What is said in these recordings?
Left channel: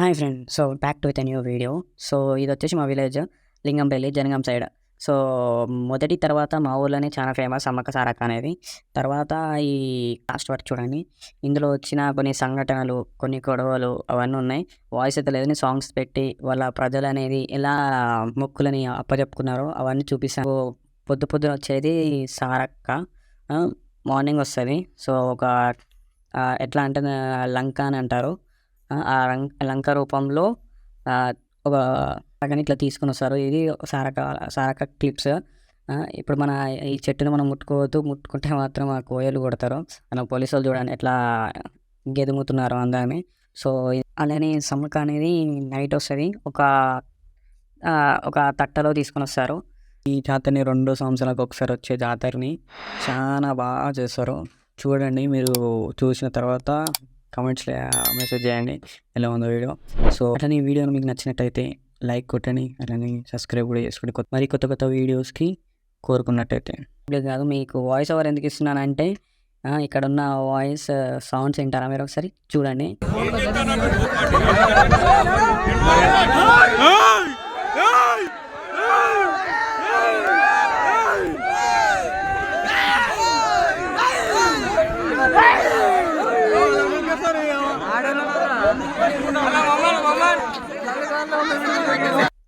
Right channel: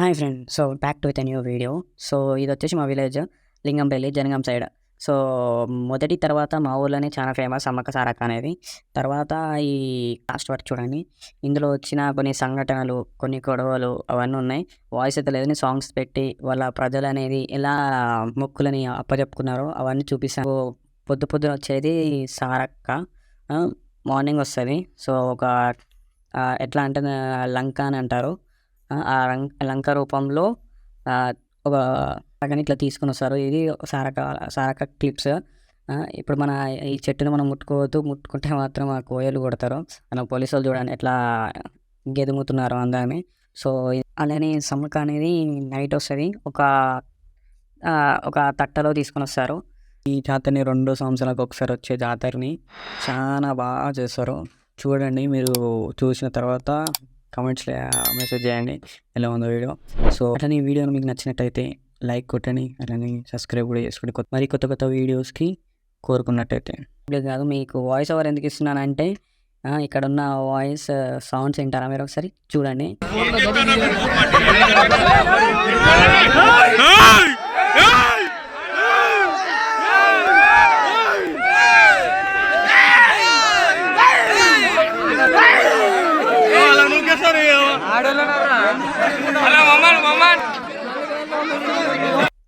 Hi friend. So, back to with a new video. So, ఇదొచ్చేసి మా village Lingampalli, Jangaon side. So, మొదటి తర్వాత మా ఊర్లోనే చాలా ఫేమస్ సమ్మక్క సారక్క అనేది. తర్వాత ఈ లాస్ట్ వరకు చూడండి. ఇందులో వచ్చిన కొన్ని సంఘటనలు, కొన్ని గొడవలు అవన్నీ ఉన్నాయి. వాయిస్ అయితే లేదని సాంగ్స్ పెట్టి వాళ్ళ ప్రజలనేది ఎలా మొక్కులని అప్పజెప్పుకున్నారో అవన్నీ చూపిస్తాను. పొద్దున వచ్చేది సారక్క. మార్నింగ్ వస్తుంది. సో, ఒక ఎట్లా అంటే లంక అని అంటారు. ఆ లంక రూపంలో ఒక కానీ ఇట్లా తీసుకొని వస్తారు. ఇది సారక్క క్లిప్స్. ఇప్పుడు మన ఈ చెట్టును మనం ముట్టుకోవద్దు, ముట్టుకుంటే మాత్రం ఆ కోయలు కొడతారు. మన పోలీసు వాళ్ళు చూడండి ఎట్లా గెదుముతున్నారు అందరినీ. సో, అలానే సమ్మక్క అనేది నైట్ వస్తుంది. ఒక తట్టలో తీసుకొని వస్తారు. ఈ జాతరని 2 సంవత్సరాలకు ఒకసారి వచ్చే జాతరని చాలా బాగా చేస్తారు. చూడండి, మీరు చూసిన తర్వాత కామెంట్స్లో మెసేజ్ చేయండి ఎలా ఉందో వీడియో. సో, అట్లనే ఈ వీడియోని మీకు నచ్చినట్టయితే లైక్ కొట్టండి, అలానే సబ్స్క్రైబ్ కూడా చేసుకోండి మరి కొత్త వీడియోస్కి కోరుకున్నట్టయితే. ఇప్పుడు కాదు, మీకు వాయిస్ ఓవర్ ఎందుకు ఇస్తున్నానంటే ఇక్కడ ఉన్న వాయిస్ సౌండ్స్ వింటారా మీరు ఒకసారి చూడండి.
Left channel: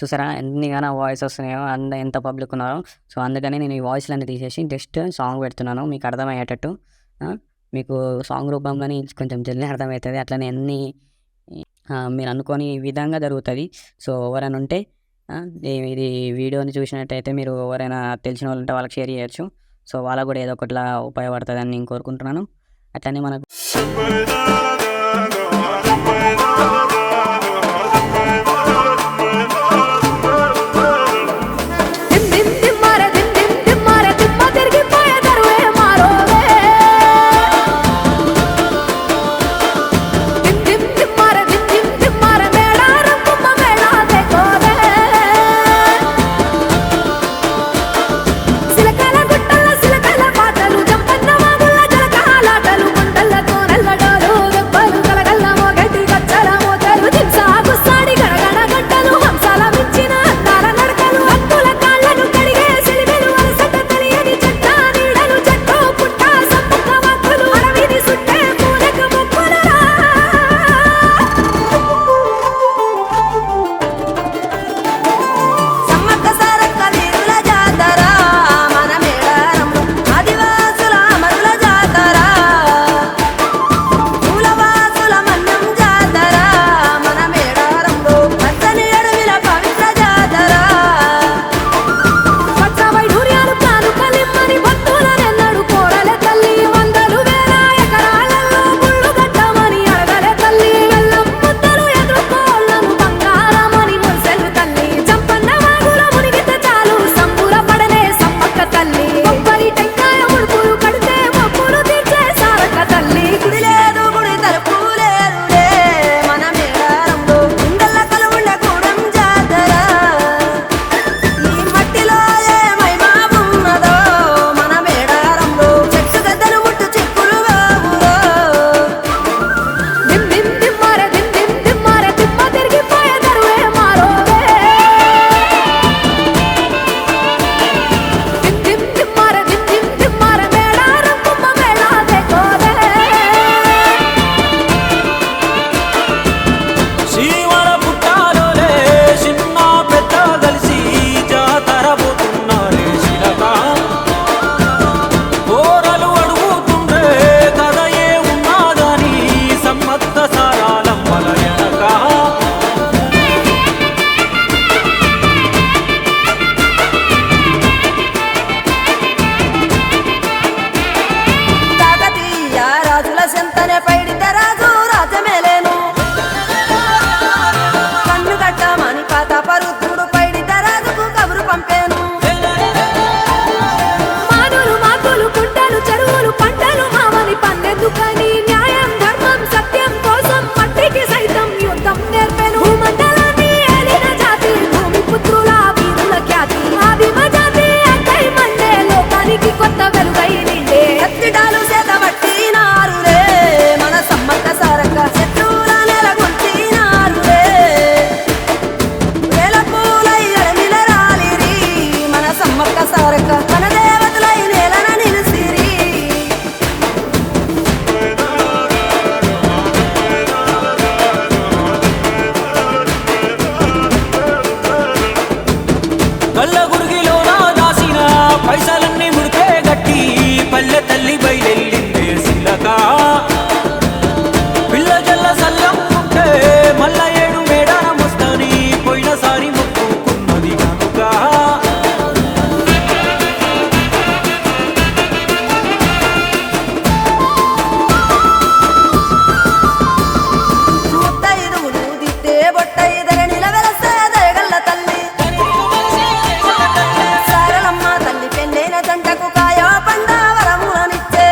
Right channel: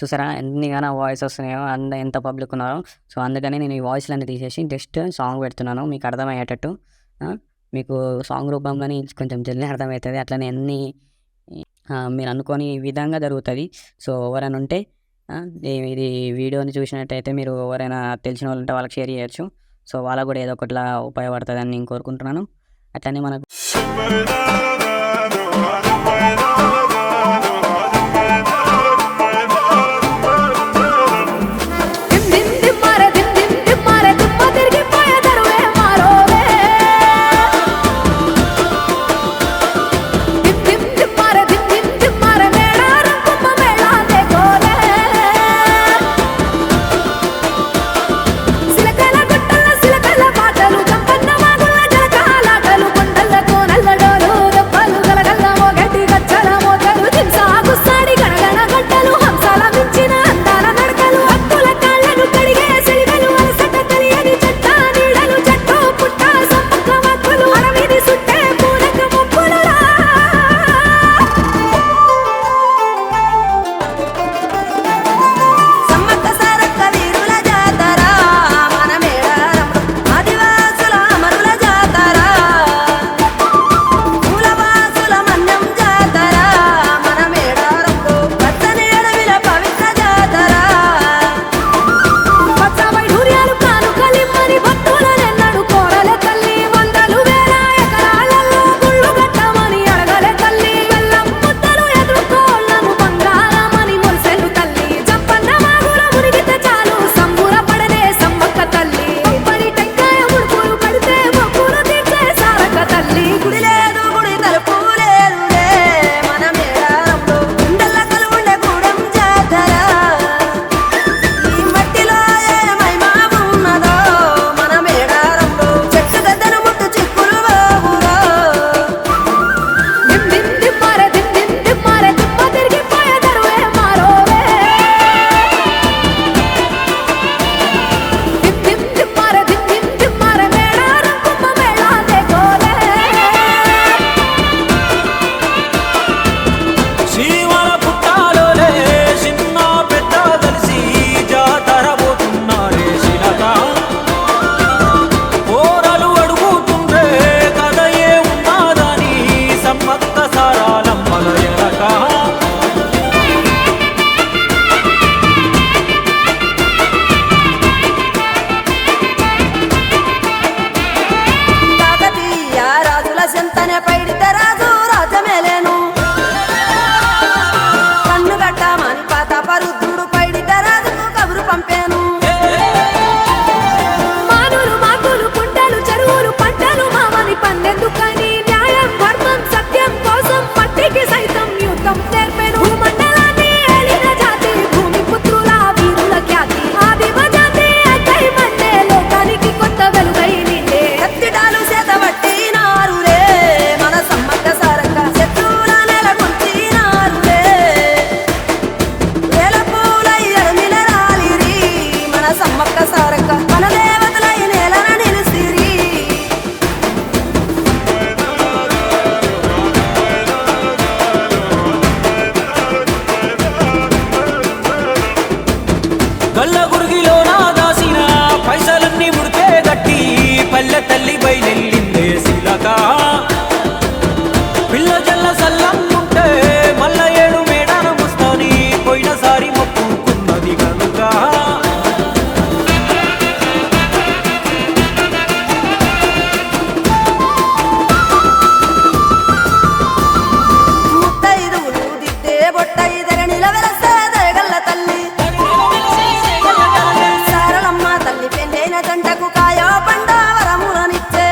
చూసారా ఎన్నిగానో వాయిస్ వస్తున్నాయో, ఎంత పబ్లిక్ ఉన్నారో. సో, అందుకని నేను ఈ వాయిస్లన్నీ తీసేసి జస్ట్ సాంగ్ పెడుతున్నాను మీకు అర్థమయ్యేటట్టు. మీకు సాంగ్ రూపంలోని కొంచెం జల్దీ అర్థమవుతుంది. అట్లనే అన్నీ మీరు అనుకోని విధంగా జరుగుతుంది. సో, ఎవరైనా ఉంటే ఇది వీడియోని చూసినట్టయితే మీరు ఎవరైనా తెలిసిన వాళ్ళు ఉంటే వాళ్ళకి షేర్ చేయొచ్చు. సో, వాళ్ళకు కూడా ఏదో ఒకటిలా ఉపయోగపడుతుందని నేను కోరుకుంటున్నాను. అట్లనే మనకు సెంతనే పైడితే రాజు రాజమేలేను కన్ను గట్టమని పాతాపరుద్రుడు పైడితే రాజుకు కబురు పంపేను. మానులు మాకులు కుంటలు చెరువులు పంటలు మామని పన్నెందుకని న్యాయం ధర్మం సత్యం కోసం మట్టికి సైతం యుద్ధం నేర్పెను. భూమండలాన్ని ఏలిన జాతి భూమి పుత్రుల వీరుల ఖ్యాతి ఆదిమ జాతి అక్కై మండే లోకానికి కొత్త వెలుగై నిండే. కత్తిడాలు చేతబట్టి నారులే మన సమ్మక్క సారక్క శత్రువుల నెలగొల్చినారులే. పైసలన్నీ ముడిపే గట్టి పల్లె తల్లి బయలెల్లిందే శిలక పిల్ల జల్ల సల్లంగుంటే మల్ల 7 మేడారమొస్తాని పోయినసారి మొక్కుకున్నది గనుక ముత్తైదువులు దిద్దే బొట్టైదర నిలవెలసే దయగల్ల తల్లి సారలమ్మ తల్లి పెళ్ళైన జంటకు కాయో పండ వరములనిచ్చే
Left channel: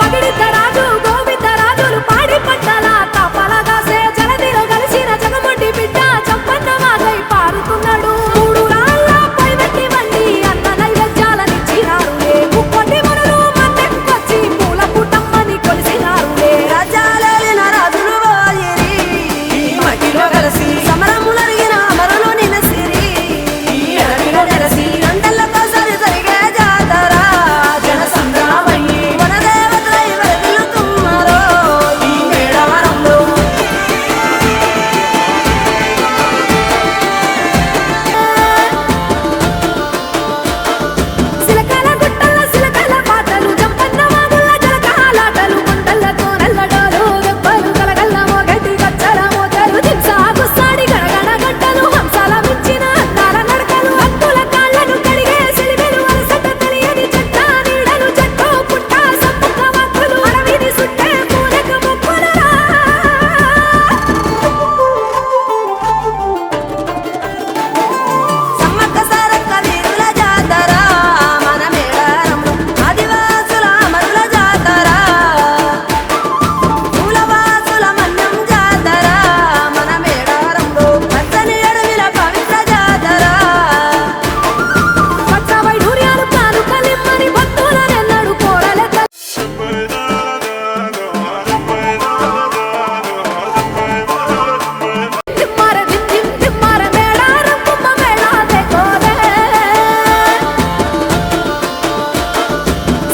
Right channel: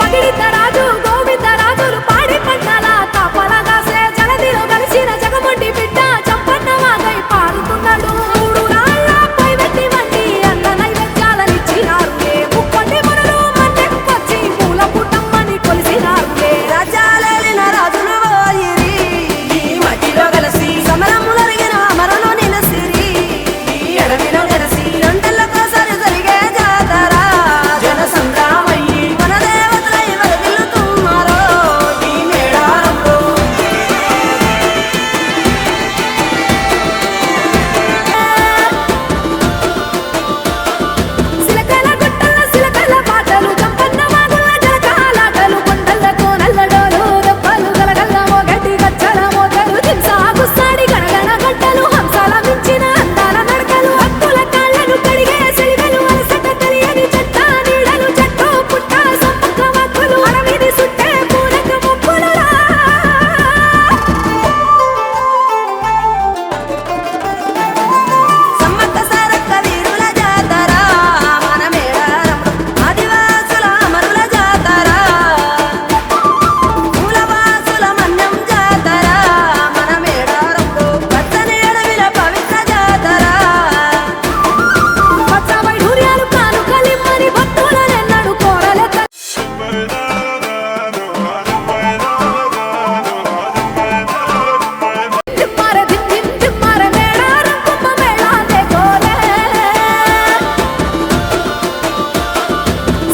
పగిడిద్దరాజు గోవిందరాజులు పాడి పంటల కాపలగాసే జలదిలో కలిసిన జగమండి బిడ్డ చంపన్న వాగై పారుతున్నాడు 3 రాళ్ళ పై వెట్టి వండి అన్న నైవేద్యాలనిచ్చినారులే ముక్కోటి మునులు మన్నెంకొచ్చి మూల పుట్టమ్మని కొలిసినారులే రాజ్యాలేలిన రాజులు పోయిరి మట్టిలో కలిసి సమరములరిగిన అమరులు నిలసిరి ఎడమిల నెరసి రెండెళ్ళకోసారి జరిగే జాతర జన సంద్రామయ్యి వనదేవతలై వరదిల్లుతున్నారో ఈ మేడారంలో సిలకల గుట్టల సిలకల పాటలు జంపన్న వాగుల్ల జలకాలాటలు కొండల కోనల్లడోలు దెబ్బలు గలగల్ల మోగటి గచ్చల మోతలు దింసా గుస్సాడి గణగణ గంటలు హంసాల మించిన అందాల నడకలు భక్తుల కాళ్ళను కడిగే సెలివెలు అలసట తెలియని చెట్ట నీడలు చెట్టు పుట్ట సమ్మక్క వాక్కులు అడవిని సుట్టే పూరక మొక్కులురా సమ్మక్క సారక్క వీరుల జాతర మన మేడారంలో ఆదివాసుల అమరుల జాతర మూలవాసుల మన్యం జాతర మన మేడారంలో పచ్చని అడవిల పవిత్ర జాతర పచ్చ వైఢూర్యాలు కాను కలిమ్మని భక్తులనెన్నడు కోరలే తిమ్మార దిమ్ దిమ్ తిమ్మార మేడారం కుంభ మేళాదే కోరే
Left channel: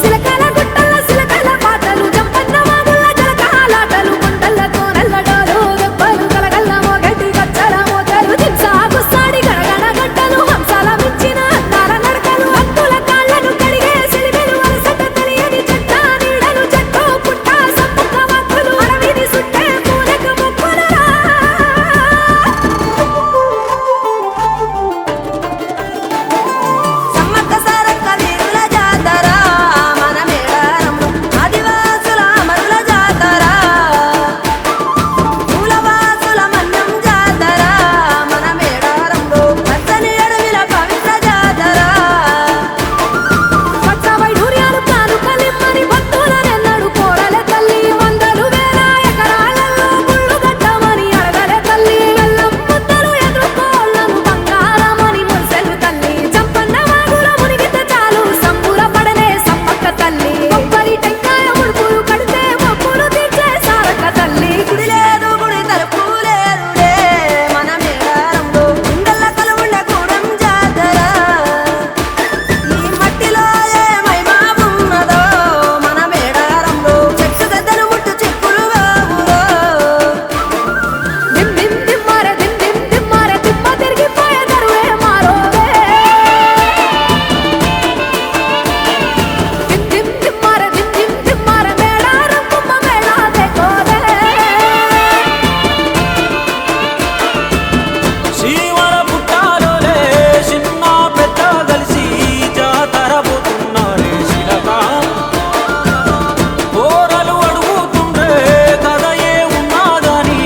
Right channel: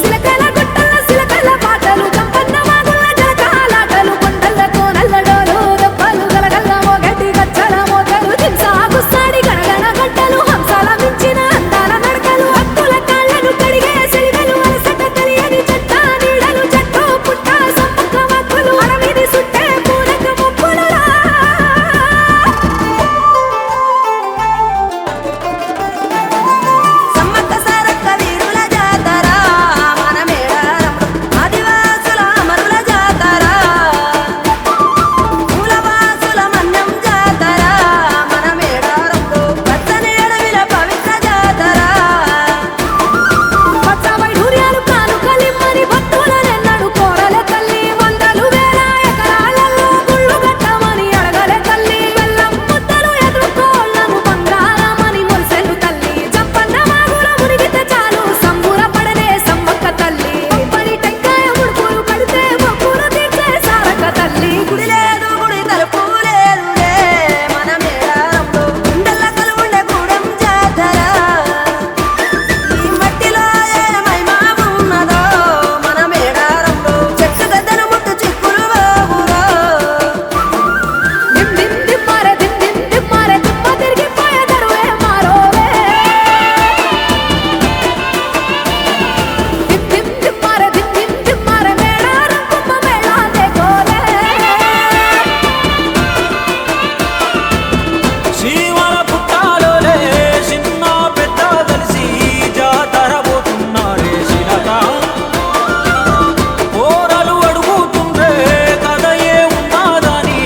సిలకల గుట్టల సిలకల పాటలు జంపన్న వాగుల్ల జలకాలాటలు కొండల కోనల్లడోలు దెబ్బలు గలగల్ల మోగటి గచ్చల మోతలు దింసా గుస్సాడి గణగణ గంటలు హంసాల మించిన అందాల నడకలు భక్తుల కాళ్ళను కడిగే సెలివెలు అలసట తెలియని చెట్ట నీడలు చెట్టు పుట్ట సమ్మక్క వాక్కులు అడవిని సుట్టే పూరక మొక్కులురా సమ్మక్క సారక్క వీరుల జాతర మన మేడారంలో ఆదివాసుల అమరుల జాతర మూలవాసుల మన్యం జాతర మన మేడారంలో పచ్చని అడవిల పవిత్ర జాతర పచ్చ వైఢూర్యాలు కాను కలిమ్మని భక్తులనెన్నడు కోరలే తల్లి వందలు వేల ఎకరాలలో గుళ్ళు గట్టమని అడగలే తల్లి బెల్లం ముద్దలు ఎదుర్కోళ్లను బంగారమని మురిసెను తల్లి జంపన్న వాగుల మునిగితే చాలు సంబురపడనే సమ్మక్క తల్లి కొబ్బరి టెంకాయ ముడుపులు కడితే మొక్కులు తీర్చే సారక్క తల్లి గుడి లేదు గుడి తలుపు లేదులే మన మేడారంలో గుండెల్ల కలువుండే గూడెం జాతర ఈ మట్టిలో ఏ మహిమా ఉన్నదో మన మేడారంలో చెట్టు గద్దను ముట్టు చిక్కులు బాబురో దిమ్ దిమ్ దిమ్మార దిమ్ దిమ్ దిమ్మార దిమ్మ తిరిగిపోయే దరువే మారోవే దిమ్ దిమ్ దిమ్మార దిమ్ దిమ్ దిమ్మార మేడారం కుంభ మేళాదే కోరే శివల పుట్టాలోలే చిన్న పెద్ద కలిసి జాతర పోతున్నారే శిలక పోరలు అడుగుతుండ్రే కథ ఏ ఉన్నాదని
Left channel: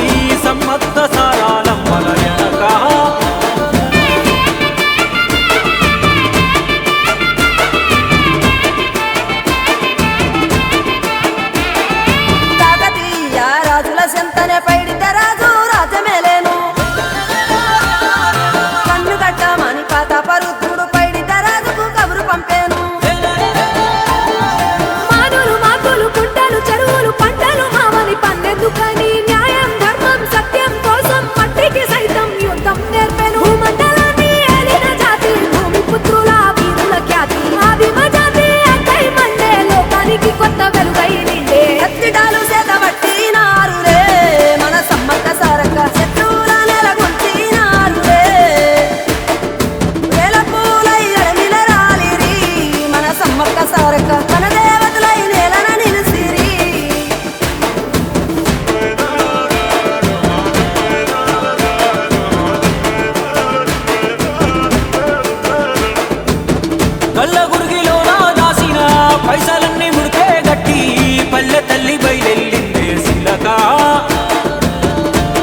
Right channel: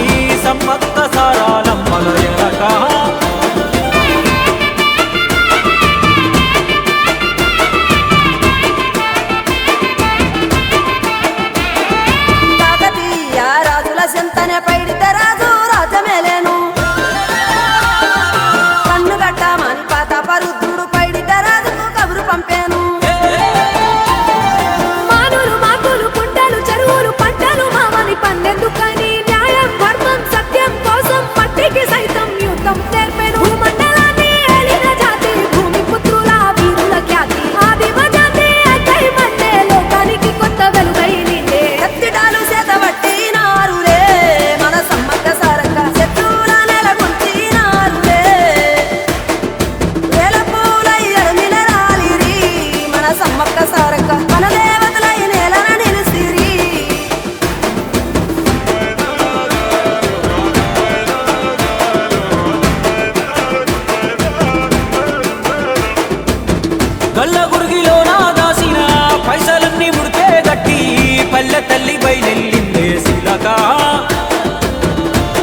సమ్మక్క సారాలమ్మల ఎనక కాకతీయ రాజుల చెంతనే పైడిత రాజు రాజమేలేను కన్ను గట్టమని పాతాపరుద్రుడు పైడిత రాజుకు కబురు పంపేను మానులు మాకులు కుంటలు చెరువులు పంటలు మామని పన్నెందుకని న్యాయం ధర్మం సత్యం కోసం మట్టికి సైతం యుద్ధం నేర్పెను భూమండలాన్ని ఏలిన జాతి భూమి పుత్రుల వీరుల ఖ్యాతి ఆదిమ జాతి అక్కై మండే లోకానికి కొత్త వెలుగై నిండే కత్తిడాలు చేత పట్టినారులే మన సమ్మక్క సారక్క శత్రువుల నెలగొల్చినారులే వేల కాక మన దేవతలై నేలన నిలిసిరి గల్ల గురిగిలోన దాసిన పైసలన్నీ ముడిపే గట్టి పల్లె తల్లి బయలెల్లిందే శిలక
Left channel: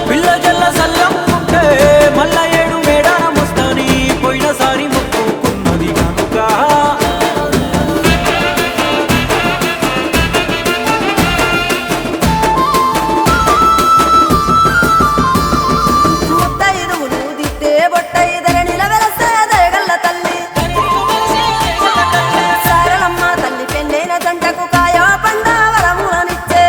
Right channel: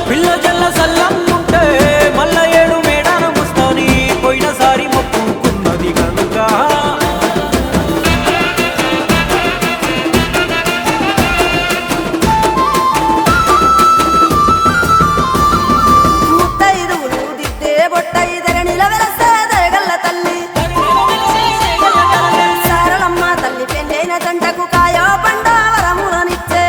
పిల్ల జల్ల సల్లం ఉంటే మల్ల ఏడు మేడాన ముస్తాని పోయినసారి మొక్కుకున్నది గనుక ముత్తైదువులు దిద్దే బొట్టైదర నిలవెలసే దయగల్ల తల్లి సారలమ్మ తల్లి పెళ్ళైన జంటకు కాయో పండ వరములనిచ్చే